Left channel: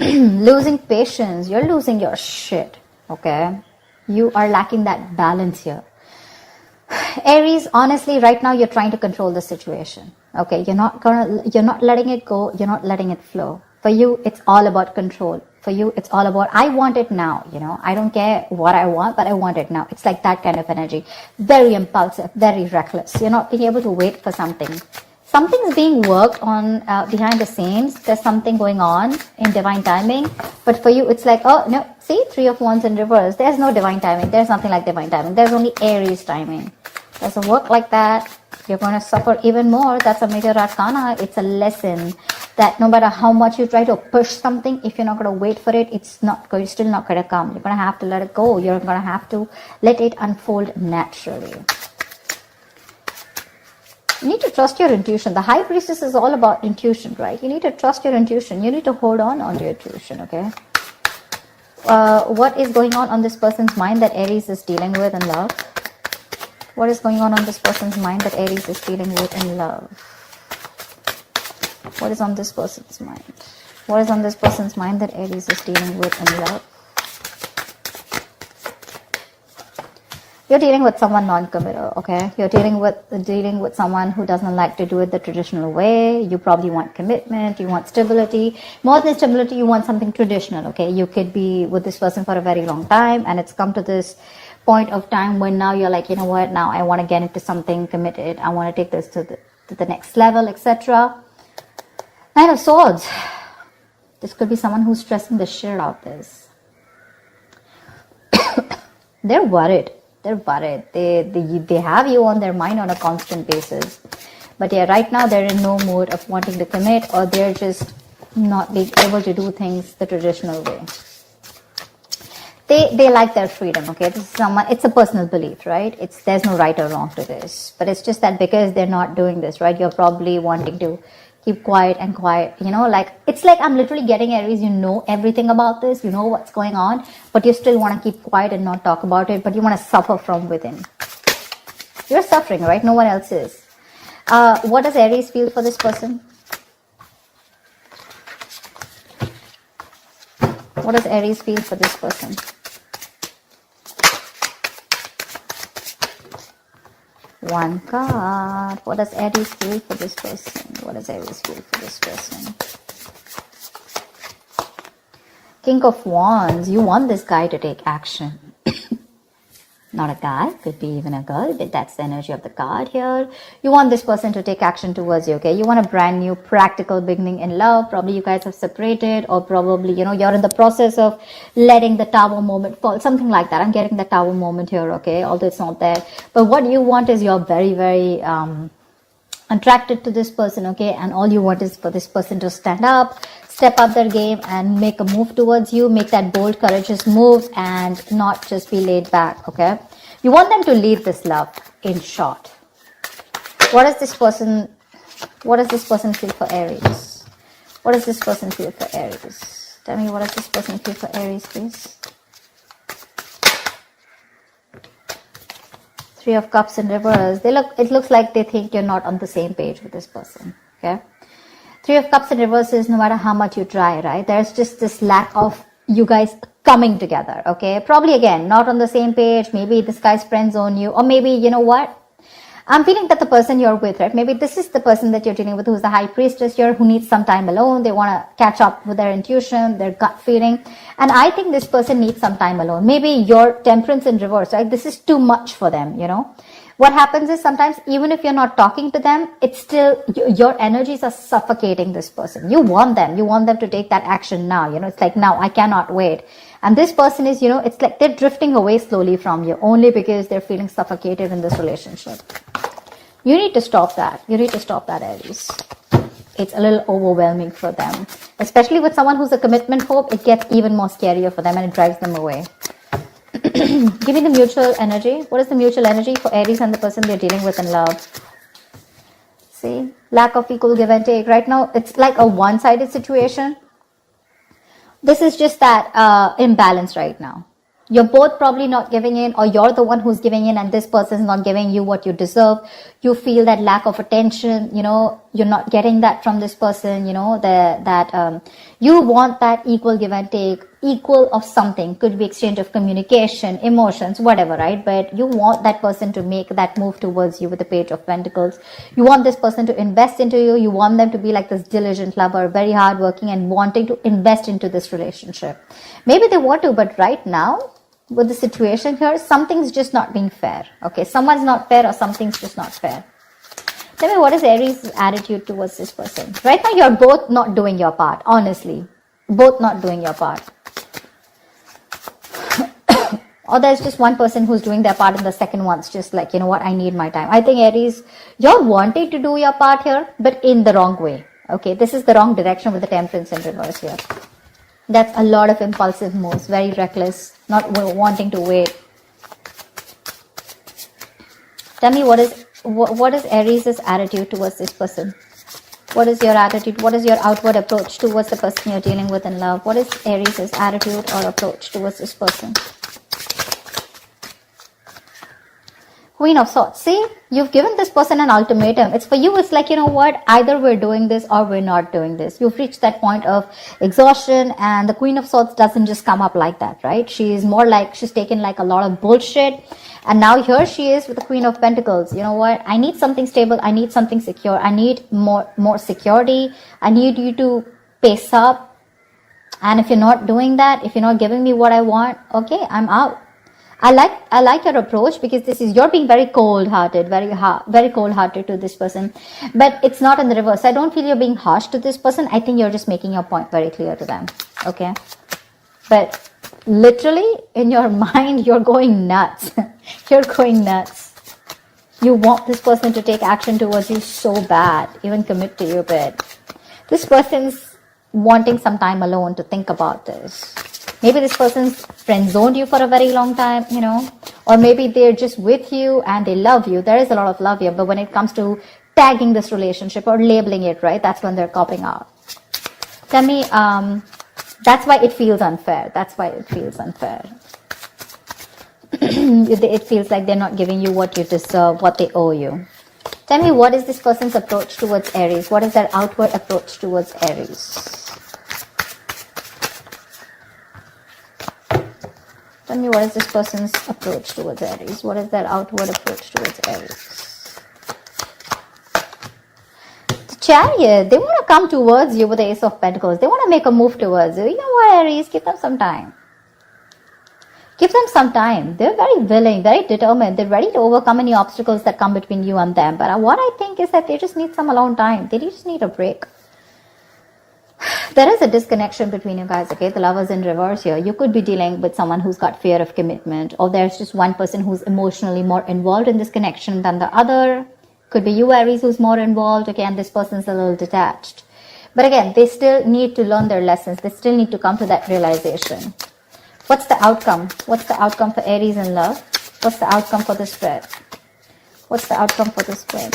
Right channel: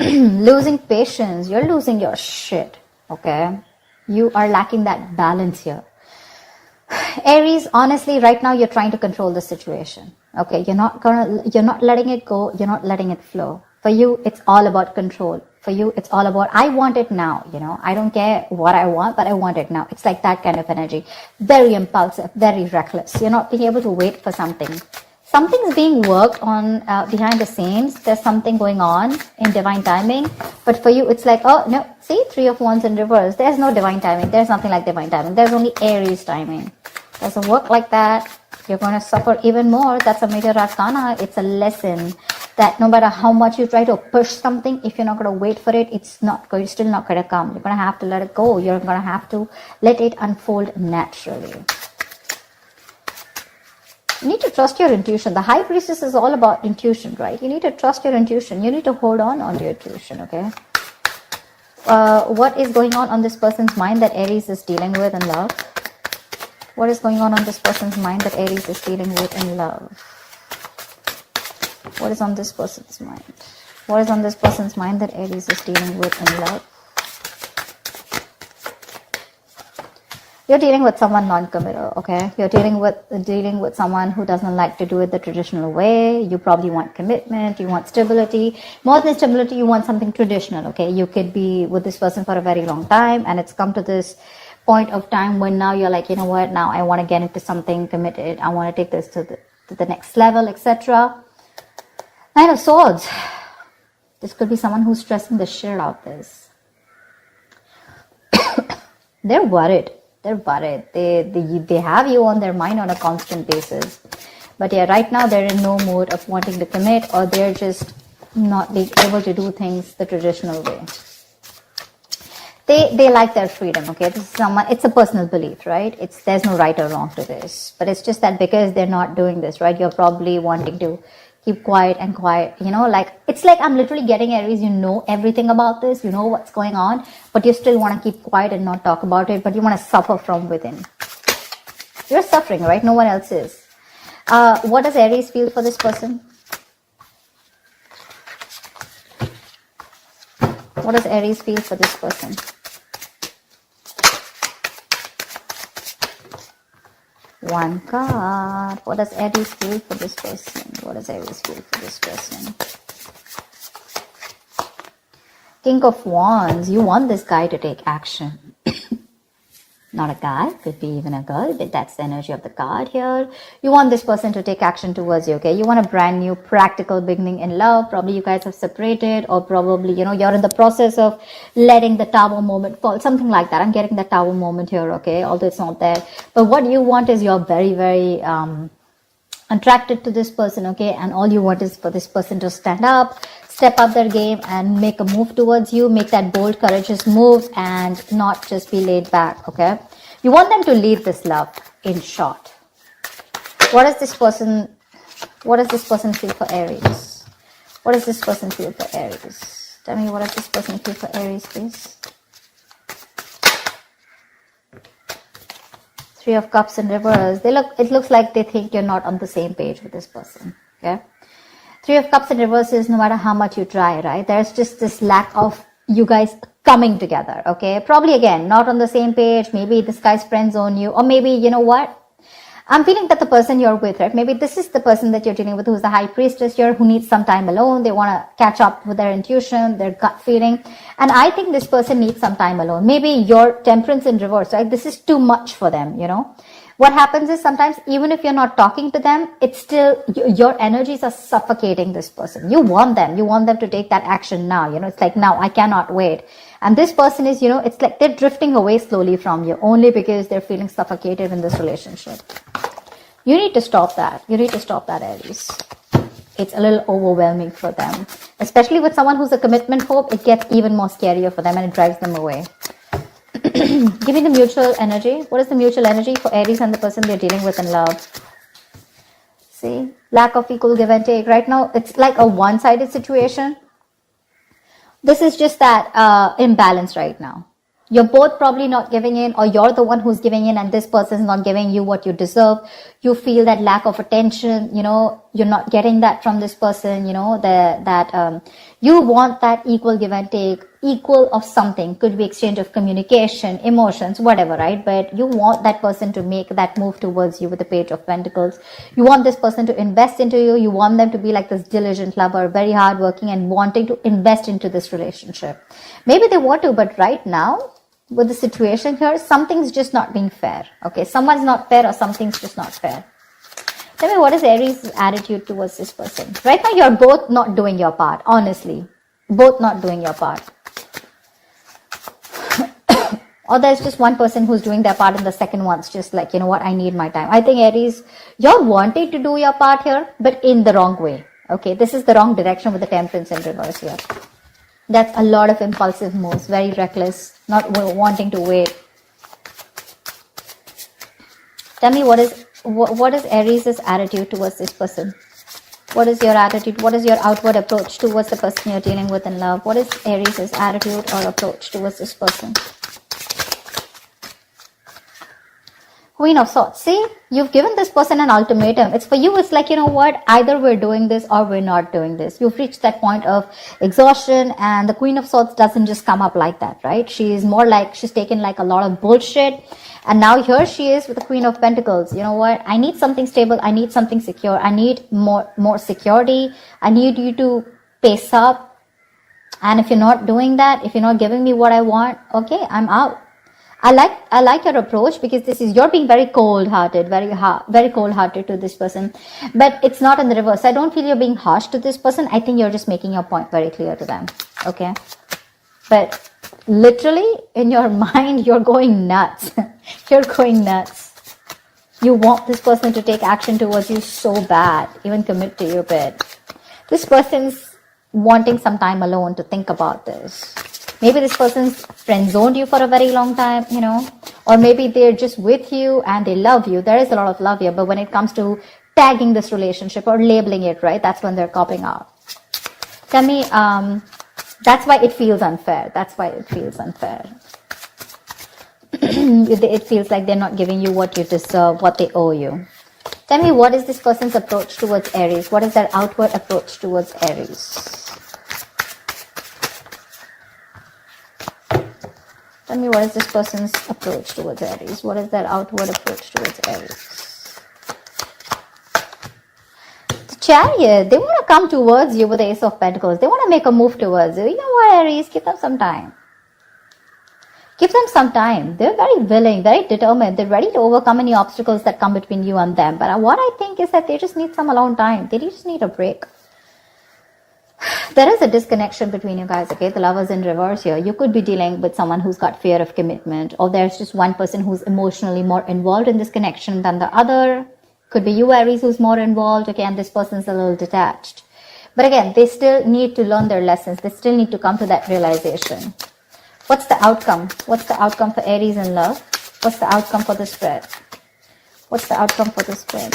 Losing patience. You're losing your shit. Okay? You are lacking that balance here. Aries, honestly, right now you're trying to control the situation. Okay, you're not letting it go. You're not letting it flow. For you, it's all about control. For you, it's all about, I want it now. I don't care what I want, but I want it now. It's like that kind of energy. Very impulsive, very reckless. You're not being able to wait for something. Something is being worked on behind the scenes. There's something going on in divine timing. But for you, it's like, oh, no. See, 3 of Wands in reverse. There's no divine timing. There's nothing like divine timing. There's only Aries timing. And so work like that. You're going to suffer even more. That's a major arcana. It's a lesson that no matter how much you try to push something, if you're not going to wait for it, it's still not going to come. You're going to have to let it go. You're going to have to let it unfold naturally. You need to trust your intuition. The High Priestess is all about intuition, right? You need to trust your intuition. You need to hold on to your intuition, okay? What is going on this person's mind that Aries is dealing with in love? What is going on this person's mind that Aries is dealing with in love? What is on this person's mind? What is on this person's mind that Aries is dealing with in love? You're dealing with someone non-committal, okay? You're dealing with someone who doesn't like to do it the traditional way. You probably want commitment, you want stability. More than stability, you want something traditional, okay? You could be with this person for a very long time, and it's come to this point of time when now you're like, you know what, now I want to get into something committed. I want to take this to the next level, etc. Knight of Swords. This could be someone who's stressing the shit out of this. They're worried. They're worried. They have you on their mind on a constant basis. But yeah, right now they're in no mode of wanting to commit, or they're just not being able to do things the traditional way. They like their freedom, okay? It's a personal belief, right? There's no right or wrong to this. But it's just that because they're not doing this, right? You're probably wanting to keep quiet, it's like I'm literally getting Aries, you know everything about this, you know what's going on, but you still want to keep quiet and not talk about it, but you want to suffer from within. You're suffering, right? No one else is. What does Aries feel for this person? What does Aries feel for this person? One card. What does Aries feel for this person? What does Aries feel for this person? King of Wands. You want this guy to take action. Not a guy, could be even a girl, but that's the energy of the card here. You want this person to take action towards you, okay? You want a brand new practical beginning in love. Probably you guys have separated, or probably, you're in the process of letting the tower moment fall. Something like that. I'm getting the tower moment here, okay? Although it's not there. But what you want is you're very, very attracted to this person, okay? And all you want is for this person to stand up, step up their game, and make a move towards you, make that bold, courageous move, and not just be laid back, okay? You want them to lead this love, in short. What does this person feel for Aries? What does this person feel for Aries? Tell me, what does this person feel for Aries, please? 3 of Cups in reverse. It looks like they think you're not on the same page with this person, okay? 3 of Cups in reverse is no matter how much you try, right? There's just this lack of you guys coming together, okay? Probably, again, not on the same page. Maybe this guy's friend zone you, or maybe, you know what? I'm feeling that the person you're with, right? Maybe this is the person that you're dealing with who's the High Priestess here, who needs some time alone. They want to catch up with their intuition, their gut feeling. And I think this person needs some time alone. Maybe your Temperance in reverse, right? This is too much for them, What happens is sometimes, even if you're not talking to them, it's still, your energies are suffocating this person. You want them to take that action now, it's like, now, I cannot wait. And this person is, it's like they're drifting away slowly from you, only because they're feeling suffocated in this relationship. You need to stop that. You need to stop that, Aries. It's a little overwhelming for them. Especially with someone who's a commitment phobe, it gets even more scarier for them and it drives them away. Give me the mutual energy. What is the mutual energy for Aries and the person they're dealing with in love? See? Lack of equal give and take. Right now, it's like a one-sided situation. This is just that imbalance right now. You're both probably not giving in, or you're the one who's giving in and this person's not giving you what you deserve. You feel that lack of attention, you're not getting that from this person, you want that equal give and take, equal of something, could be exchange of communication, emotions, whatever, right? But you want that person to make that move towards you with the Page of Pentacles. You want this person to invest into you. You want them to be like this diligent lover, very hardworking and wanting to invest into this relationship. Maybe they want to, but right now, with the situation here, something's just not being fair. Okay, someone's not fair or something's just not fair. Tell me, what is Aries' attitude towards this person? Right now, you're both not doing your part, honestly. Both not doing your part. Or there's just one person who's doing their part and the second one's just like, you know what, I need my time. I think Aries, you're wanting to do your part here, but in the wrong way. Okay, this is the wrong direction with the Temperance in reverse here. That's a lot of impulsive moves, very reckless, not wanting to wait. Tell me, what is Aries' attitude towards this person? What is your attitude? What is your outward approach towards the person you're dealing with in love? What is Aries' attitude or approach towards this person? Queen of Swords. See, you've given this person an ultimatum. It's for you. It's like, you know what? Either we're doing this or we're not doing this. You've reached that point of exhaustion, and the Queen of Swords doesn't just come up like that, right? She's more like, she's taken like a lot of bullshit. And now here she is with the Queen of Pentacles. You know what? I need something stable. I need something secure. I need more security. I need you to pace up. And if you're not doing that, if you're not giving me what I want, okay, I'm out. I like your approach, because this is, you're being very cold-hearted, very cold-hearted to this person. But it's not in the reverse. I don't feel you're being harsh to this person. I think you're just making your point very clear to them. Okay? But literally, in your mind, you're going nuts. You're going nuts. You want this person to take action towards you so bad, even commit to you, but this person's wanting some time alone to think about this. Maybe this person's friend-zoned you for a very long time, or maybe they're just with you and they love you. There is a lot of love here, but when it comes to tagging this relationship or labeling it, right, that's when they're copping out. Tell me, that's why it feels unfair. That's why it feels unfair. It feels like they're not giving you what you deserve, what they owe you. Tell me, what is this person's approach towards Aries? What is their outward approach towards Aries? Tell me, what is this person's approach towards Aries? What is their outward approach towards Aries? The Chariot, they want to come towards you with the Ace of Pentacles. They want to make a move towards you. You know what, Aries? Give them some time. Give them some time. They're very willing, very determined. They're ready to overcome any obstacles that come between you and them. But what I think is that they just need some alone time. They just need a break. There is a disconnection between you guys, okay? The Lovers in reverse here. You could be dealing with someone who's got fear of commitment, or there's just one person who's emotionally more involved in this connection than the other. Could be you, Aries, who's more involved, okay, and this person's a little detached. But again, they still need to learn their lessons. They still need to come to that realization. What's the outcome? What's the outcome for Aries in love? What's the outcome for the spread? What's the outcome for the spread?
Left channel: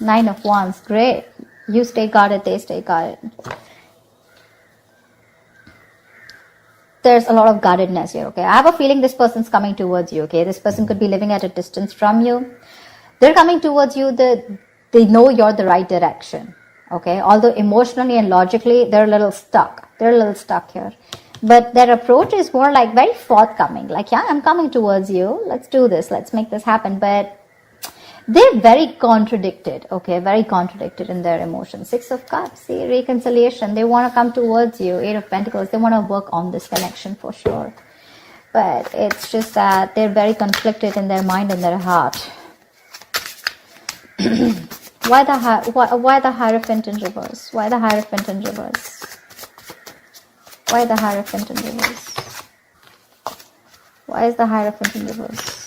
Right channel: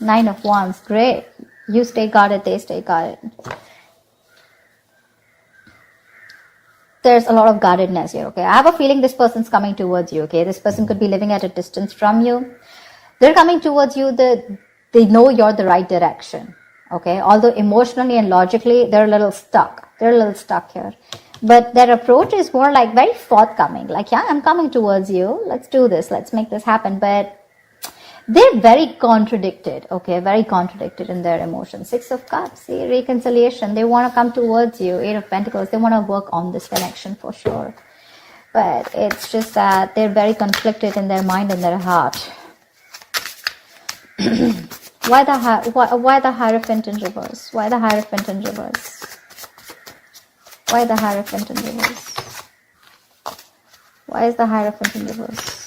9 of Wands. Great. You stay guarded, they stay guarded. There's a lot of guardedness here, okay? I have a feeling this person's coming towards you, okay? This person could be living at a distance from you. They're coming towards you, they know you're the right direction, okay? Although emotionally and logically, they're a little stuck. They're a little stuck here. But their approach is more like very forthcoming. Like, yeah, I'm coming towards you. Let's do this. Let's make this happen. But they're very contradicted, okay? Very contradicted in their emotions. 6 of Cups, see, reconciliation. They want to come towards you. 8 of Pentacles, they want to work on this connection for sure. But it's just that they're very conflicted in their mind and their heart. Why the Hierophant in reverse? Why the Hierophant in reverse? Why the Hierophant in reverse? Why is the Hierophant in reverse?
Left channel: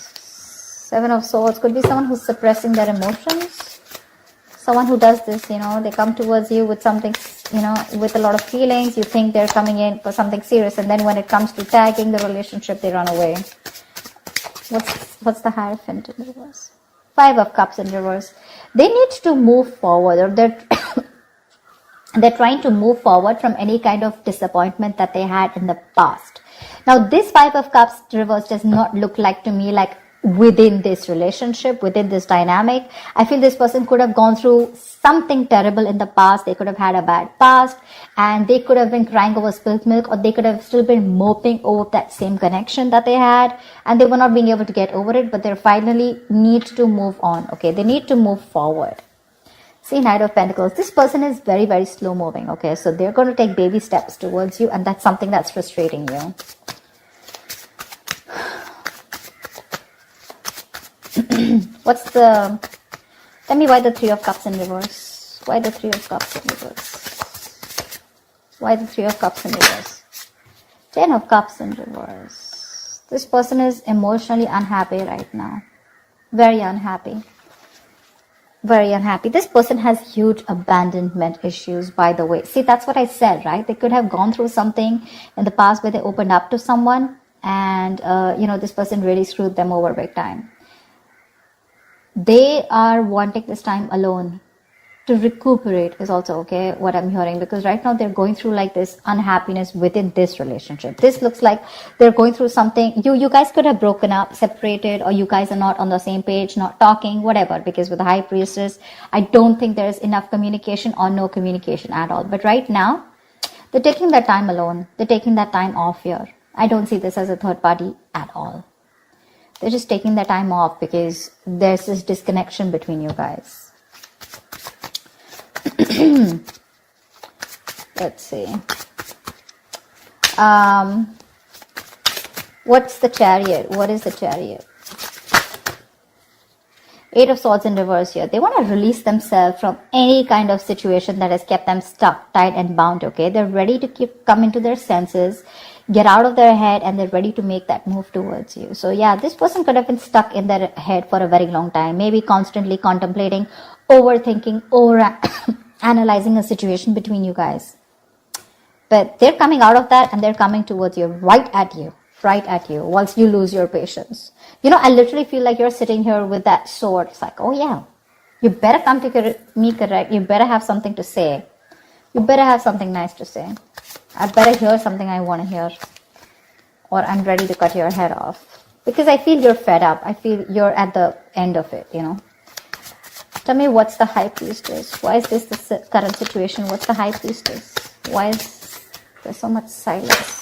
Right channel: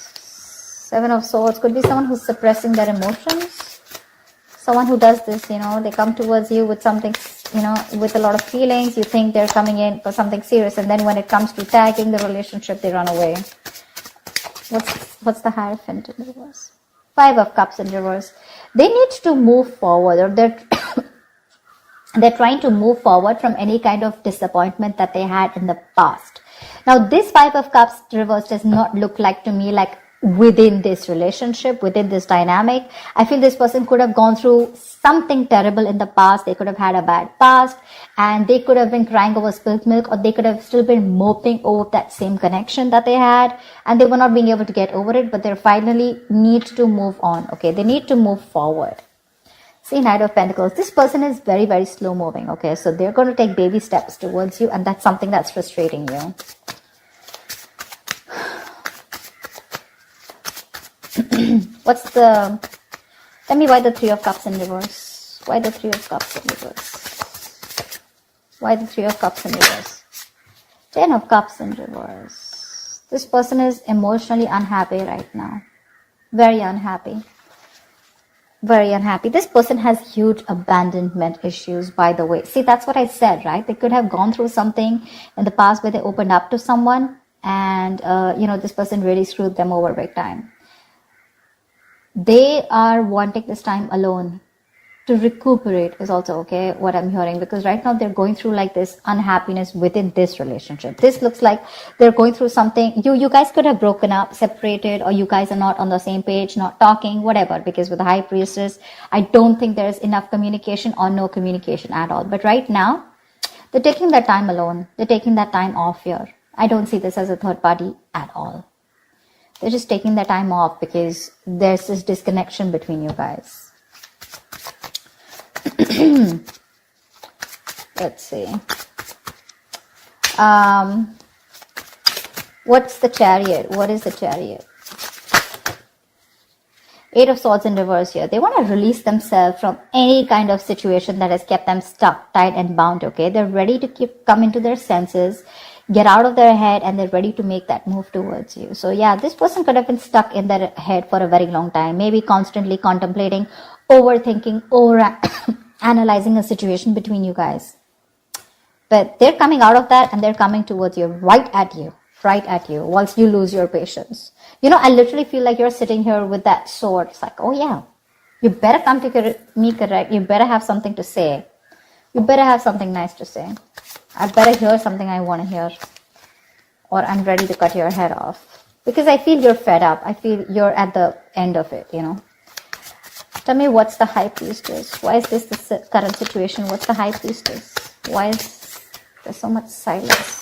7 of Swords. Could be someone who's suppressing their emotions. Someone who does this, they come towards you with something, with a lot of feelings. You think they're coming in for something serious, and then when it comes to tagging the relationship, they run away. What's the Hierophant in reverse? 5 of Cups in reverse. They need to move forward, or they're trying to move forward from any kind of disappointment that they had in the past. Now, this Five of Cups reverse does not look like to me like within this relationship, within this dynamic. I feel this person could have gone through something terrible in the past. They could have had a bad past and they could have been crying over spilled milk, or they could have still been moping over that same connection that they had, and they were not being able to get over it, but they finally need to move on. Okay, they need to move forward. See, Knight of Pentacles. This person is very, very slow moving. Okay, so they're going to take baby steps towards you, and that's something that's frustrating you. Tell me why the Three of Cups in reverse? Why the Three of Cups in reverse? Why the Three of Cups in reverse? Ten of Cups in reverse. This person is emotionally unhappy right now. Very unhappy. Very unhappy. This person has huge abandonment issues, by the way. See, that's what I said, right? They could have gone through something in the past where they opened up to someone and, this person really screwed them over big time. They are wanting this time alone to recuperate is also okay, what I'm hearing, because right now they're going through like this unhappiness within this relationship. This looks like they're going through something. You guys could have broken up, separated, or you guys are not on the same page, not talking, whatever, because with the High Priestess, I don't think there's enough communication or no communication at all. But right now, they're taking that time alone. They're taking that time off here. I don't see this as a third party at all. They're just taking that time off because there's this disconnection between you guys. Let's see. What's the Chariot? What is the Chariot? Eight of Swords in reverse here. They want to release themselves from any kind of situation that has kept them stuck, tied and bound, okay? They're ready to come into their senses, get out of their head, and they're ready to make that move towards you. So yeah, this person could have been stuck in their head for a very long time, maybe constantly contemplating, overthinking, or analyzing a situation between you guys. But they're coming out of that and they're coming towards you, right at you, once you lose your patience. I literally feel like you're sitting here with that sword. It's like, oh yeah, you better come to me correct. You better have something to say. You better have something nice to say. I better hear something I want to hear. Or I'm ready to cut your head off. Because I feel you're fed up. I feel you're at the end of it, Tell me, what's the High Priestess? Why is this the current situation? What's the High Priestess? Why is there so much silence?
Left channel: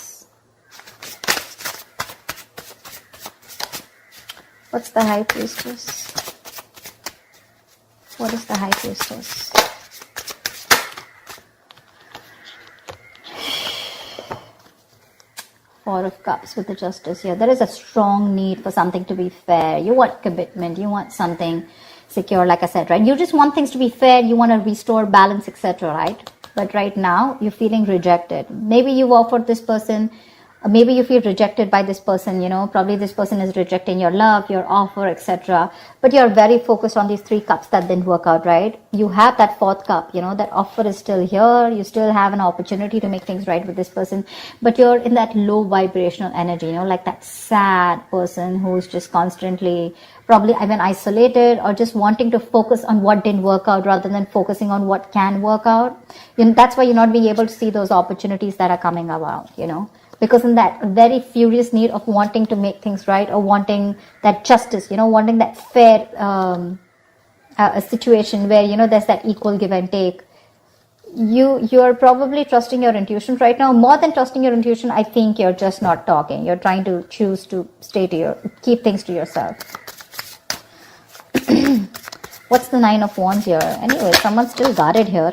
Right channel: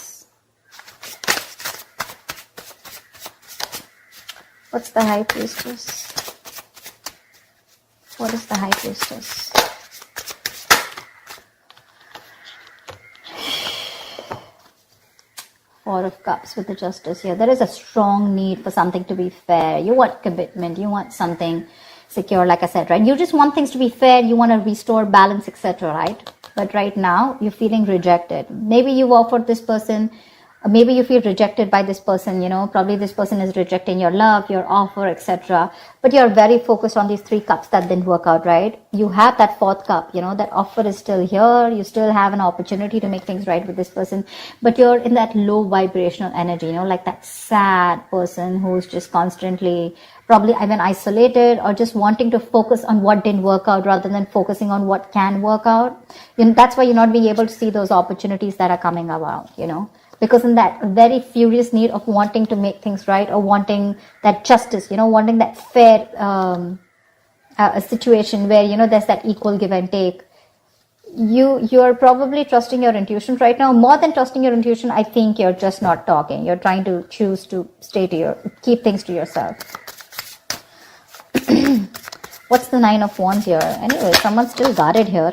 What's the High Priestess? What is the High Priestess? Four of Cups with the Justice here. There is a strong need for something to be fair. You want commitment. You want something secure, like I said, right? You just want things to be fair. You want to restore balance, etc., right? But right now, you're feeling rejected. Maybe you've offered this person, maybe you feel rejected by this person, probably this person is rejecting your love, your offer, etc. But you're very focused on these three cups that didn't work out, right? You have that fourth cup, that offer is still here. You still have an opportunity to make things right with this person. But you're in that low vibrational energy, like that sad person who's just constantly probably even isolated or just wanting to focus on what didn't work out rather than focusing on what can work out. That's why you're not being able to see those opportunities that are coming about, because in that very furious need of wanting to make things right or wanting that justice, wanting that fair situation where, there's that equal give and take. You're probably trusting your intuition right now. More than trusting your intuition, I think you're just not talking. You're trying to choose to keep things to yourself. What's the Nine of Wands here? Anyway, someone's still guarded here.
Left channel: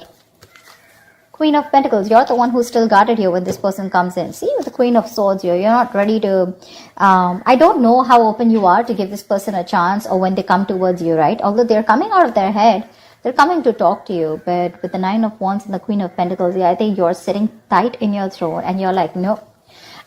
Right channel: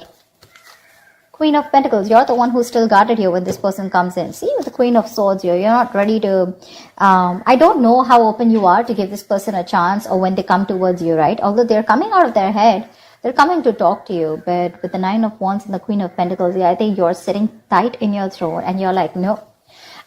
Queen of Pentacles, you're the one who's still guarded here when this person comes in. See, with the Queen of Swords here, you're not ready to, I don't know how open you are to give this person a chance or when they come towards you, right? Although they're coming out of their head, they're coming to talk to you. But with the Nine of Wands and the Queen of Pentacles, yeah, I think you're sitting tight in your throat and you're like, no,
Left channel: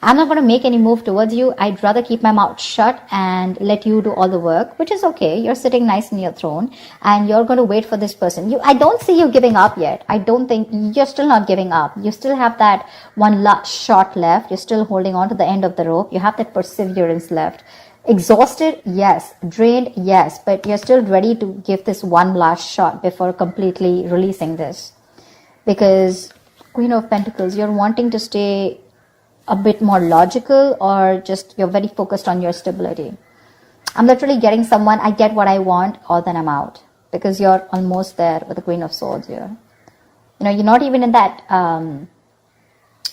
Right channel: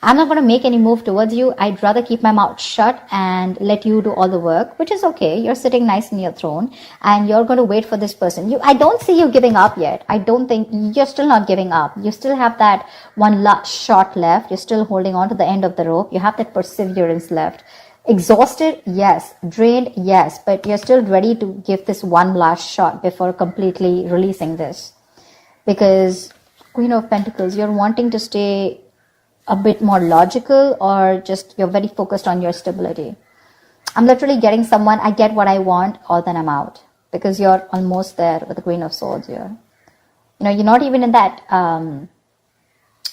I'm not going to make any move towards you. I'd rather keep my mouth shut and let you do all the work, which is okay. You're sitting nice in your throne and you're going to wait for this person. I don't see you giving up yet. I don't think you're still not giving up. You still have that one last shot left. You're still holding on to the end of the rope. You have that perseverance left. Exhausted? Yes. Drained? Yes. But you're still ready to give this one last shot before completely releasing this. Because Queen of Pentacles, you're wanting to stay a bit more logical, or just you're very focused on your stability. I'm not really getting someone, I get what I want, or then I'm out. Because you're almost there with the Queen of Swords here. You know, you're not even in that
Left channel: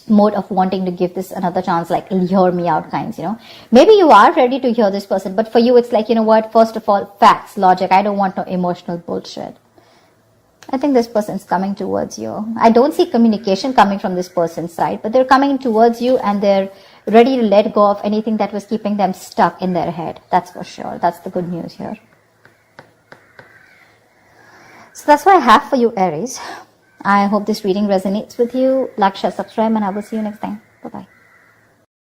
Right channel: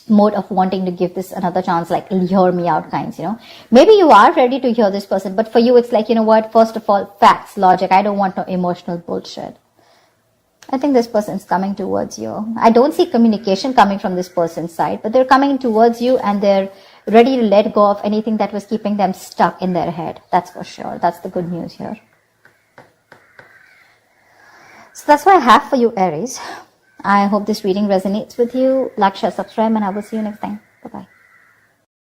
mode of wanting to give this another chance, like hear me out kinds, you know. Maybe you are ready to hear this person, but for you it's like, you know what, first of all, facts, logic. I don't want no emotional bullshit. I think this person is coming towards you. I don't see communication coming from this person's side, but they're coming towards you and they're ready to let go of anything that was keeping them stuck in their head. That's for sure. That's the good news here. So that's what I have for you, Aries. I hope this reading resonates with you. Like, share, subscribe, and I will see you next time.